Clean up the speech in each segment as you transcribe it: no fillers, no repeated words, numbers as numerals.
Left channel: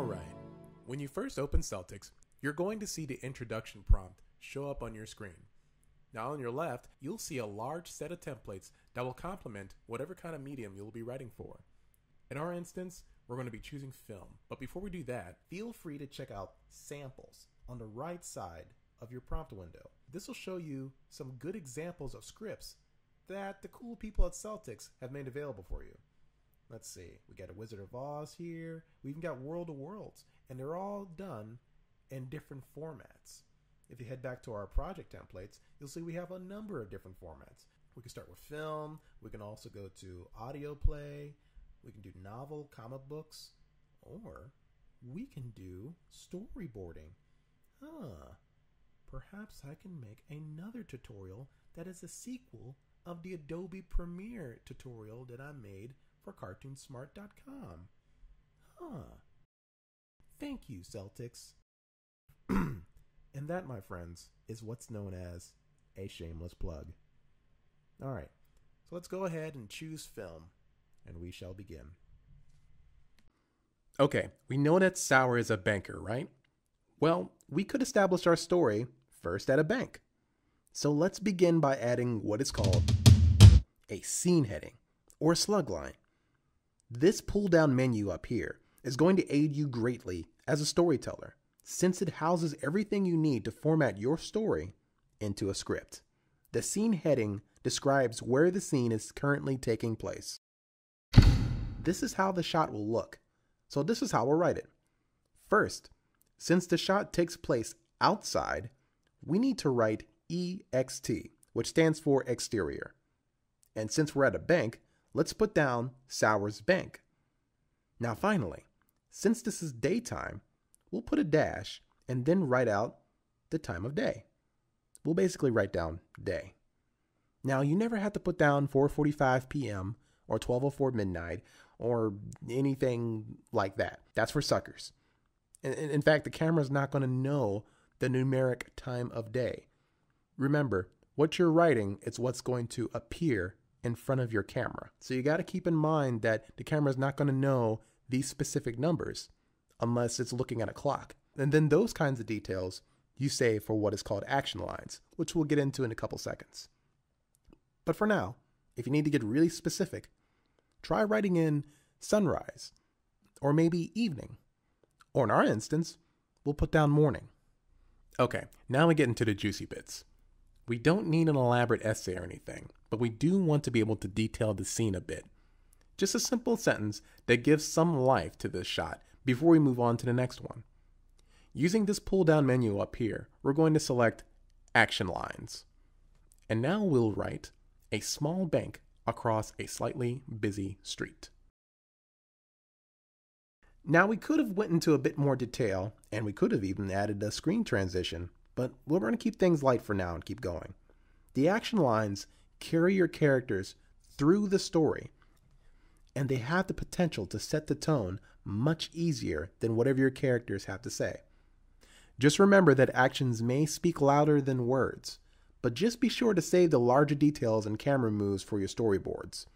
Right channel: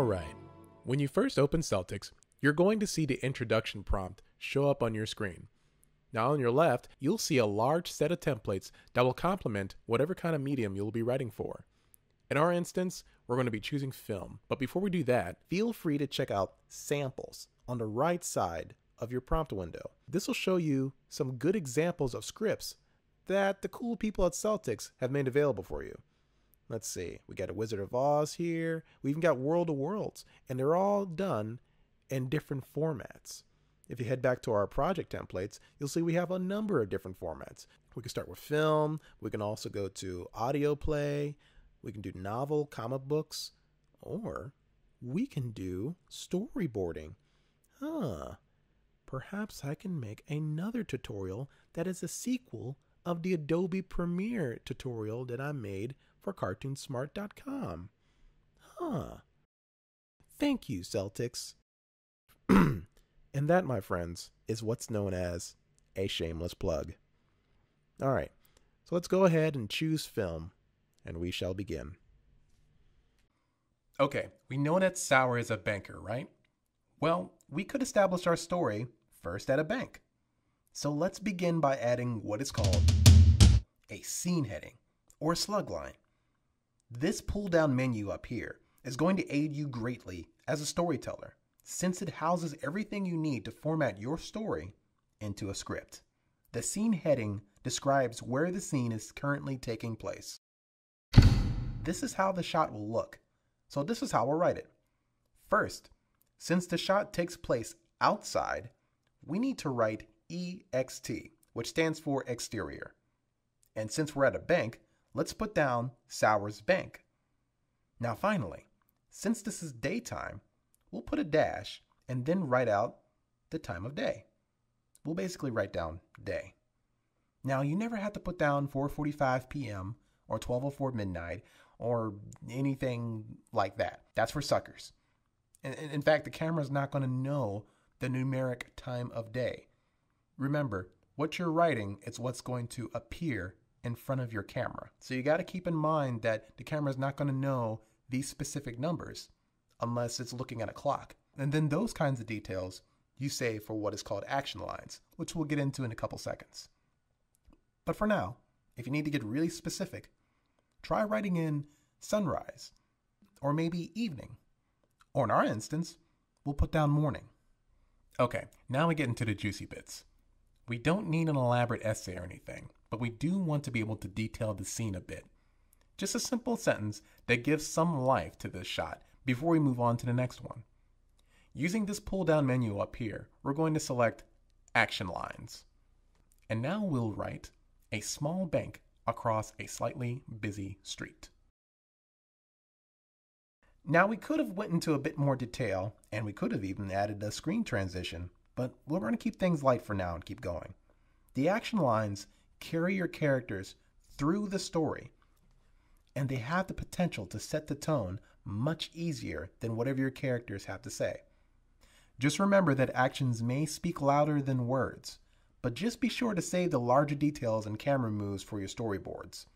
Alright, when you first open Celtx, you're going to see the introduction prompt show up on your screen. Now on your left, you'll see a large set of templates that will complement whatever kind of medium you'll be writing for. In our instance, we're going to be choosing film, but before we do that, feel free to check out Samples on the right side of your prompt window. This will show you some good examples of scripts that the cool people at Celtx have made available for you. Let's see, we got a Wizard of Oz here, we even got World of Worlds, and they're all done in different formats. If you head back to our project templates, you'll see we have a number of different formats. We can start with film, we can also go to audio play, we can do novel, comic books, or we can do storyboarding. Perhaps I can make another tutorial that is a sequel of the Adobe Premiere tutorial that I made for CartoonSmart.com. Thank you, Celtx. And that, my friends, is what's known as a shameless plug. Alright, so let's go ahead and choose film, and we shall begin. Okay, we know that Sauer is a banker, right? Well, we could establish our story first at a bank. So let's begin by adding what is called a scene heading, or a slug line. This pull-down menu up here is going to aid you greatly as a storyteller, since it houses everything you need to format your story into a script. The scene heading describes where the scene is currently taking place. This is how the shot will look, so this is how we'll write it. First, since the shot takes place outside, we need to write EXT, which stands for exterior. And since we're at a bank, let's put down Sauer's Bank. Now finally, since this is daytime, we'll put a dash and then write out the time of day. We'll basically write down day. Now you never have to put down 4:45 p.m. or 12:04 midnight or anything like that. That's for suckers. In fact, the camera's not going to know the numeric time of day. Remember, what you're writing is what's going to appear in front of your camera. So you got to keep in mind that the camera is not going to know these specific numbers unless it's looking at a clock. And then those kinds of details you save for what is called action lines, which we'll get into in a couple seconds. But for now, if you need to get really specific, try writing in sunrise, or maybe evening, or in our instance, we'll put down morning. Okay, now we get into the juicy bits. We don't need an elaborate essay or anything, but we do want to be able to detail the scene a bit. Just a simple sentence that gives some life to this shot before we move on to the next one. Using this pull-down menu up here, we're going to select Action Lines. And now we'll write a small bank across a slightly busy street. Now we could have went into a bit more detail, and we could have even added a screen transition, but we're going to keep things light for now and keep going. The action lines carry your characters through the story, and they have the potential to set the tone much easier than whatever your characters have to say. Just remember that actions may speak louder than words, but just be sure to save the larger details and camera moves for your storyboards.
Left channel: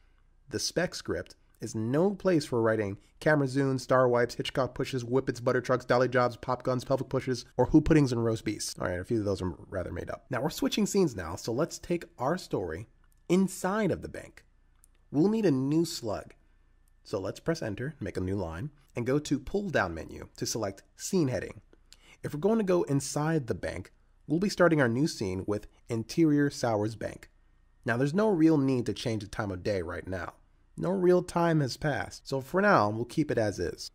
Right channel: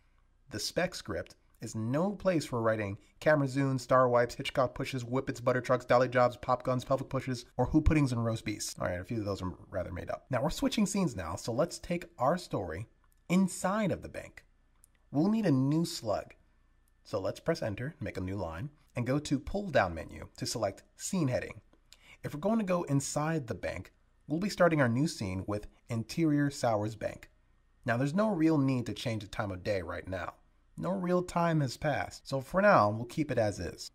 The spec script is no place for writing camera zooms, star wipes, Hitchcock pushes, whippets, butter trucks, dolly jobs, pop guns, pelvic pushes, or who puddings and roast beefs. Alright, a few of those are rather made up. Now we're switching scenes now, so let's take our story inside of the bank. We'll need a new slug. So let's press enter, make a new line, and go to pull down menu to select scene heading. If we're going to go inside the bank, we'll be starting our new scene with interior Sauer's Bank. Now there's no real need to change the time of day right now. No real time has passed, so for now, we'll keep it as is.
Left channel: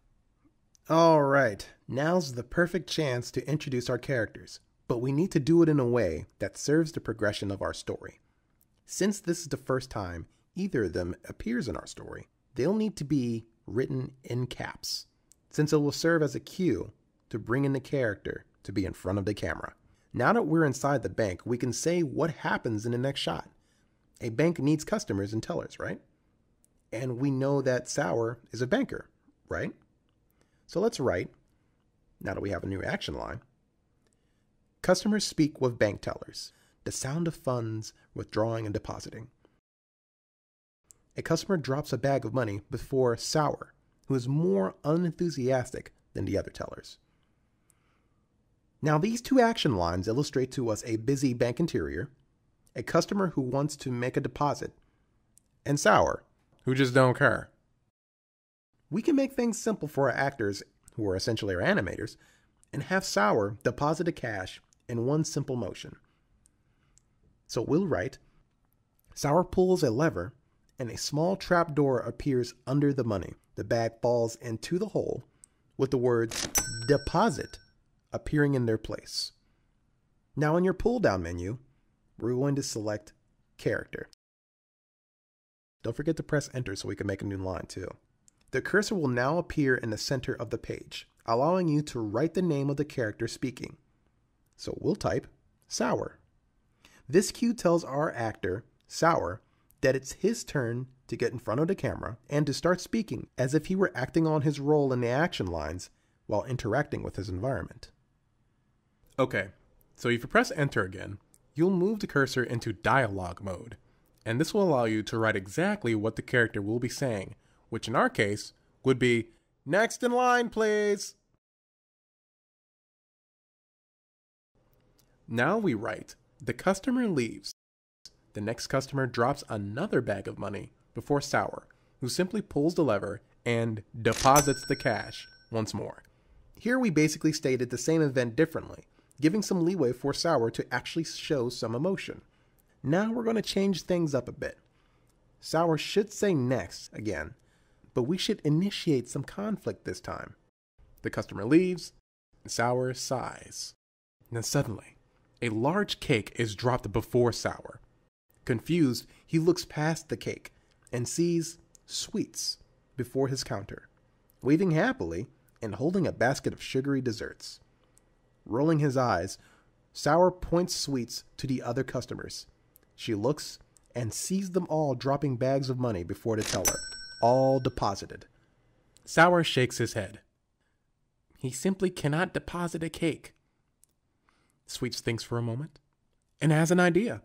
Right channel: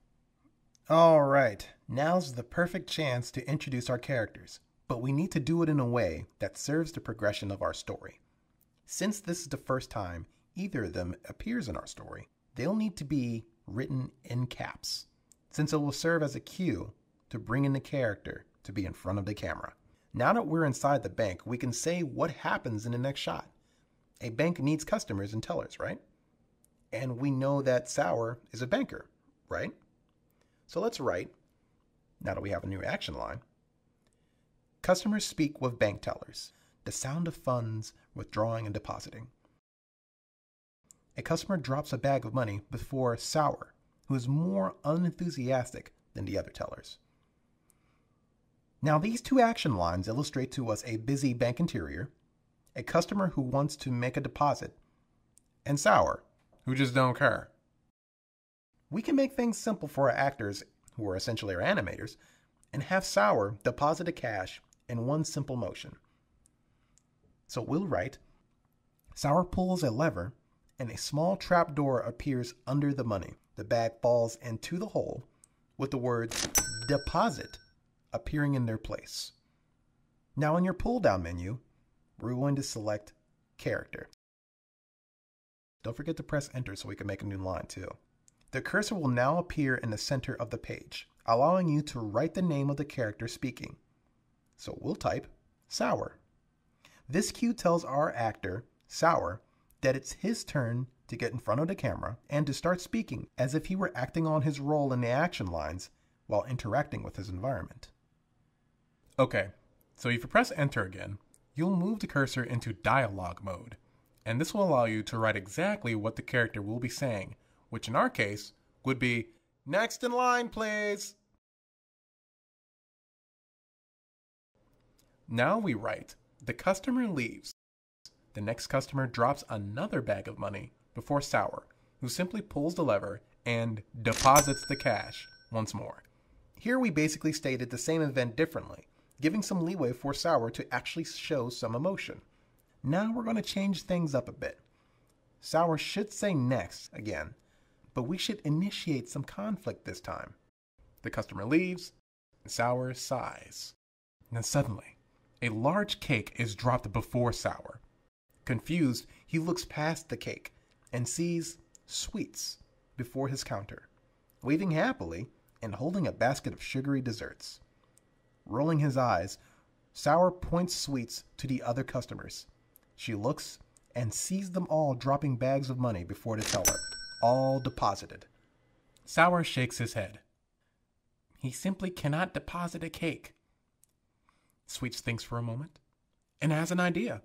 Alright, now's the perfect chance to introduce our characters, but we need to do it in a way that serves the progression of our story. Since this is the first time either of them appears in our story, they'll need to be written in caps, since it will serve as a cue to bring in the character to be in front of the camera. Now that we're inside the bank, we can say what happens in the next shot. A bank needs customers and tellers, right? And we know that Sauer is a banker, right? So let's write, now that we have a new action line, customers speak with bank tellers, the sound of funds withdrawing and depositing. A customer drops a bag of money before Sauer, who is more unenthusiastic than the other tellers. Now, these two action lines illustrate to us a busy bank interior, a customer who wants to make a deposit, and Sour, who just don't care. We can make things simple for our actors, who are essentially our animators, and have Sour deposit the cash in one simple motion. So we'll write, Sour pulls a lever, and a small trap door appears under the money. The bag falls into the hole, with the words deposit appearing in their place. Now in your pull-down menu, we're going to select character. Don't forget to press enter so we can make a new line too. The cursor will now appear in the center of the page, allowing you to write the name of the character speaking. So we'll type Sour. This cue tells our actor, Sour, that it's his turn to get in front of the camera and to start speaking as if he were acting on his role in the action lines while interacting with his environment. Okay, so if you press enter again, you'll move the cursor into dialogue mode, and this will allow you to write exactly what the character will be saying, which in our case would be, next in line, please. Now we write, the customer leaves. The next customer drops another bag of money before Sour, who simply pulls the lever and deposits the cash once more. Here we basically stated the same event differently, giving some leeway for Sour to actually show some emotion. Now we're going to change things up a bit. Sour should say next again, but we should initiate some conflict this time. The customer leaves, and Sour sighs. And then suddenly, a large cake is dropped before Sour. Confused, he looks past the cake and sees sweets before his counter, waving happily and holding a basket of sugary desserts. Rolling his eyes, Sour points sweets to the other customers. She looks and sees them all dropping bags of money before the teller, all deposited. Sour shakes his head. He simply cannot deposit a cake. Sweets thinks for a moment and has an idea.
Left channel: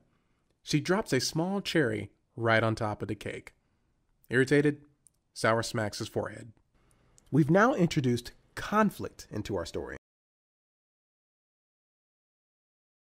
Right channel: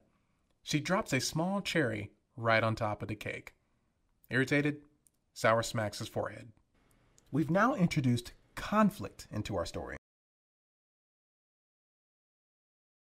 She drops a small cherry right on top of the cake. Irritated, Sour smacks his forehead. We've now introduced conflict into our story.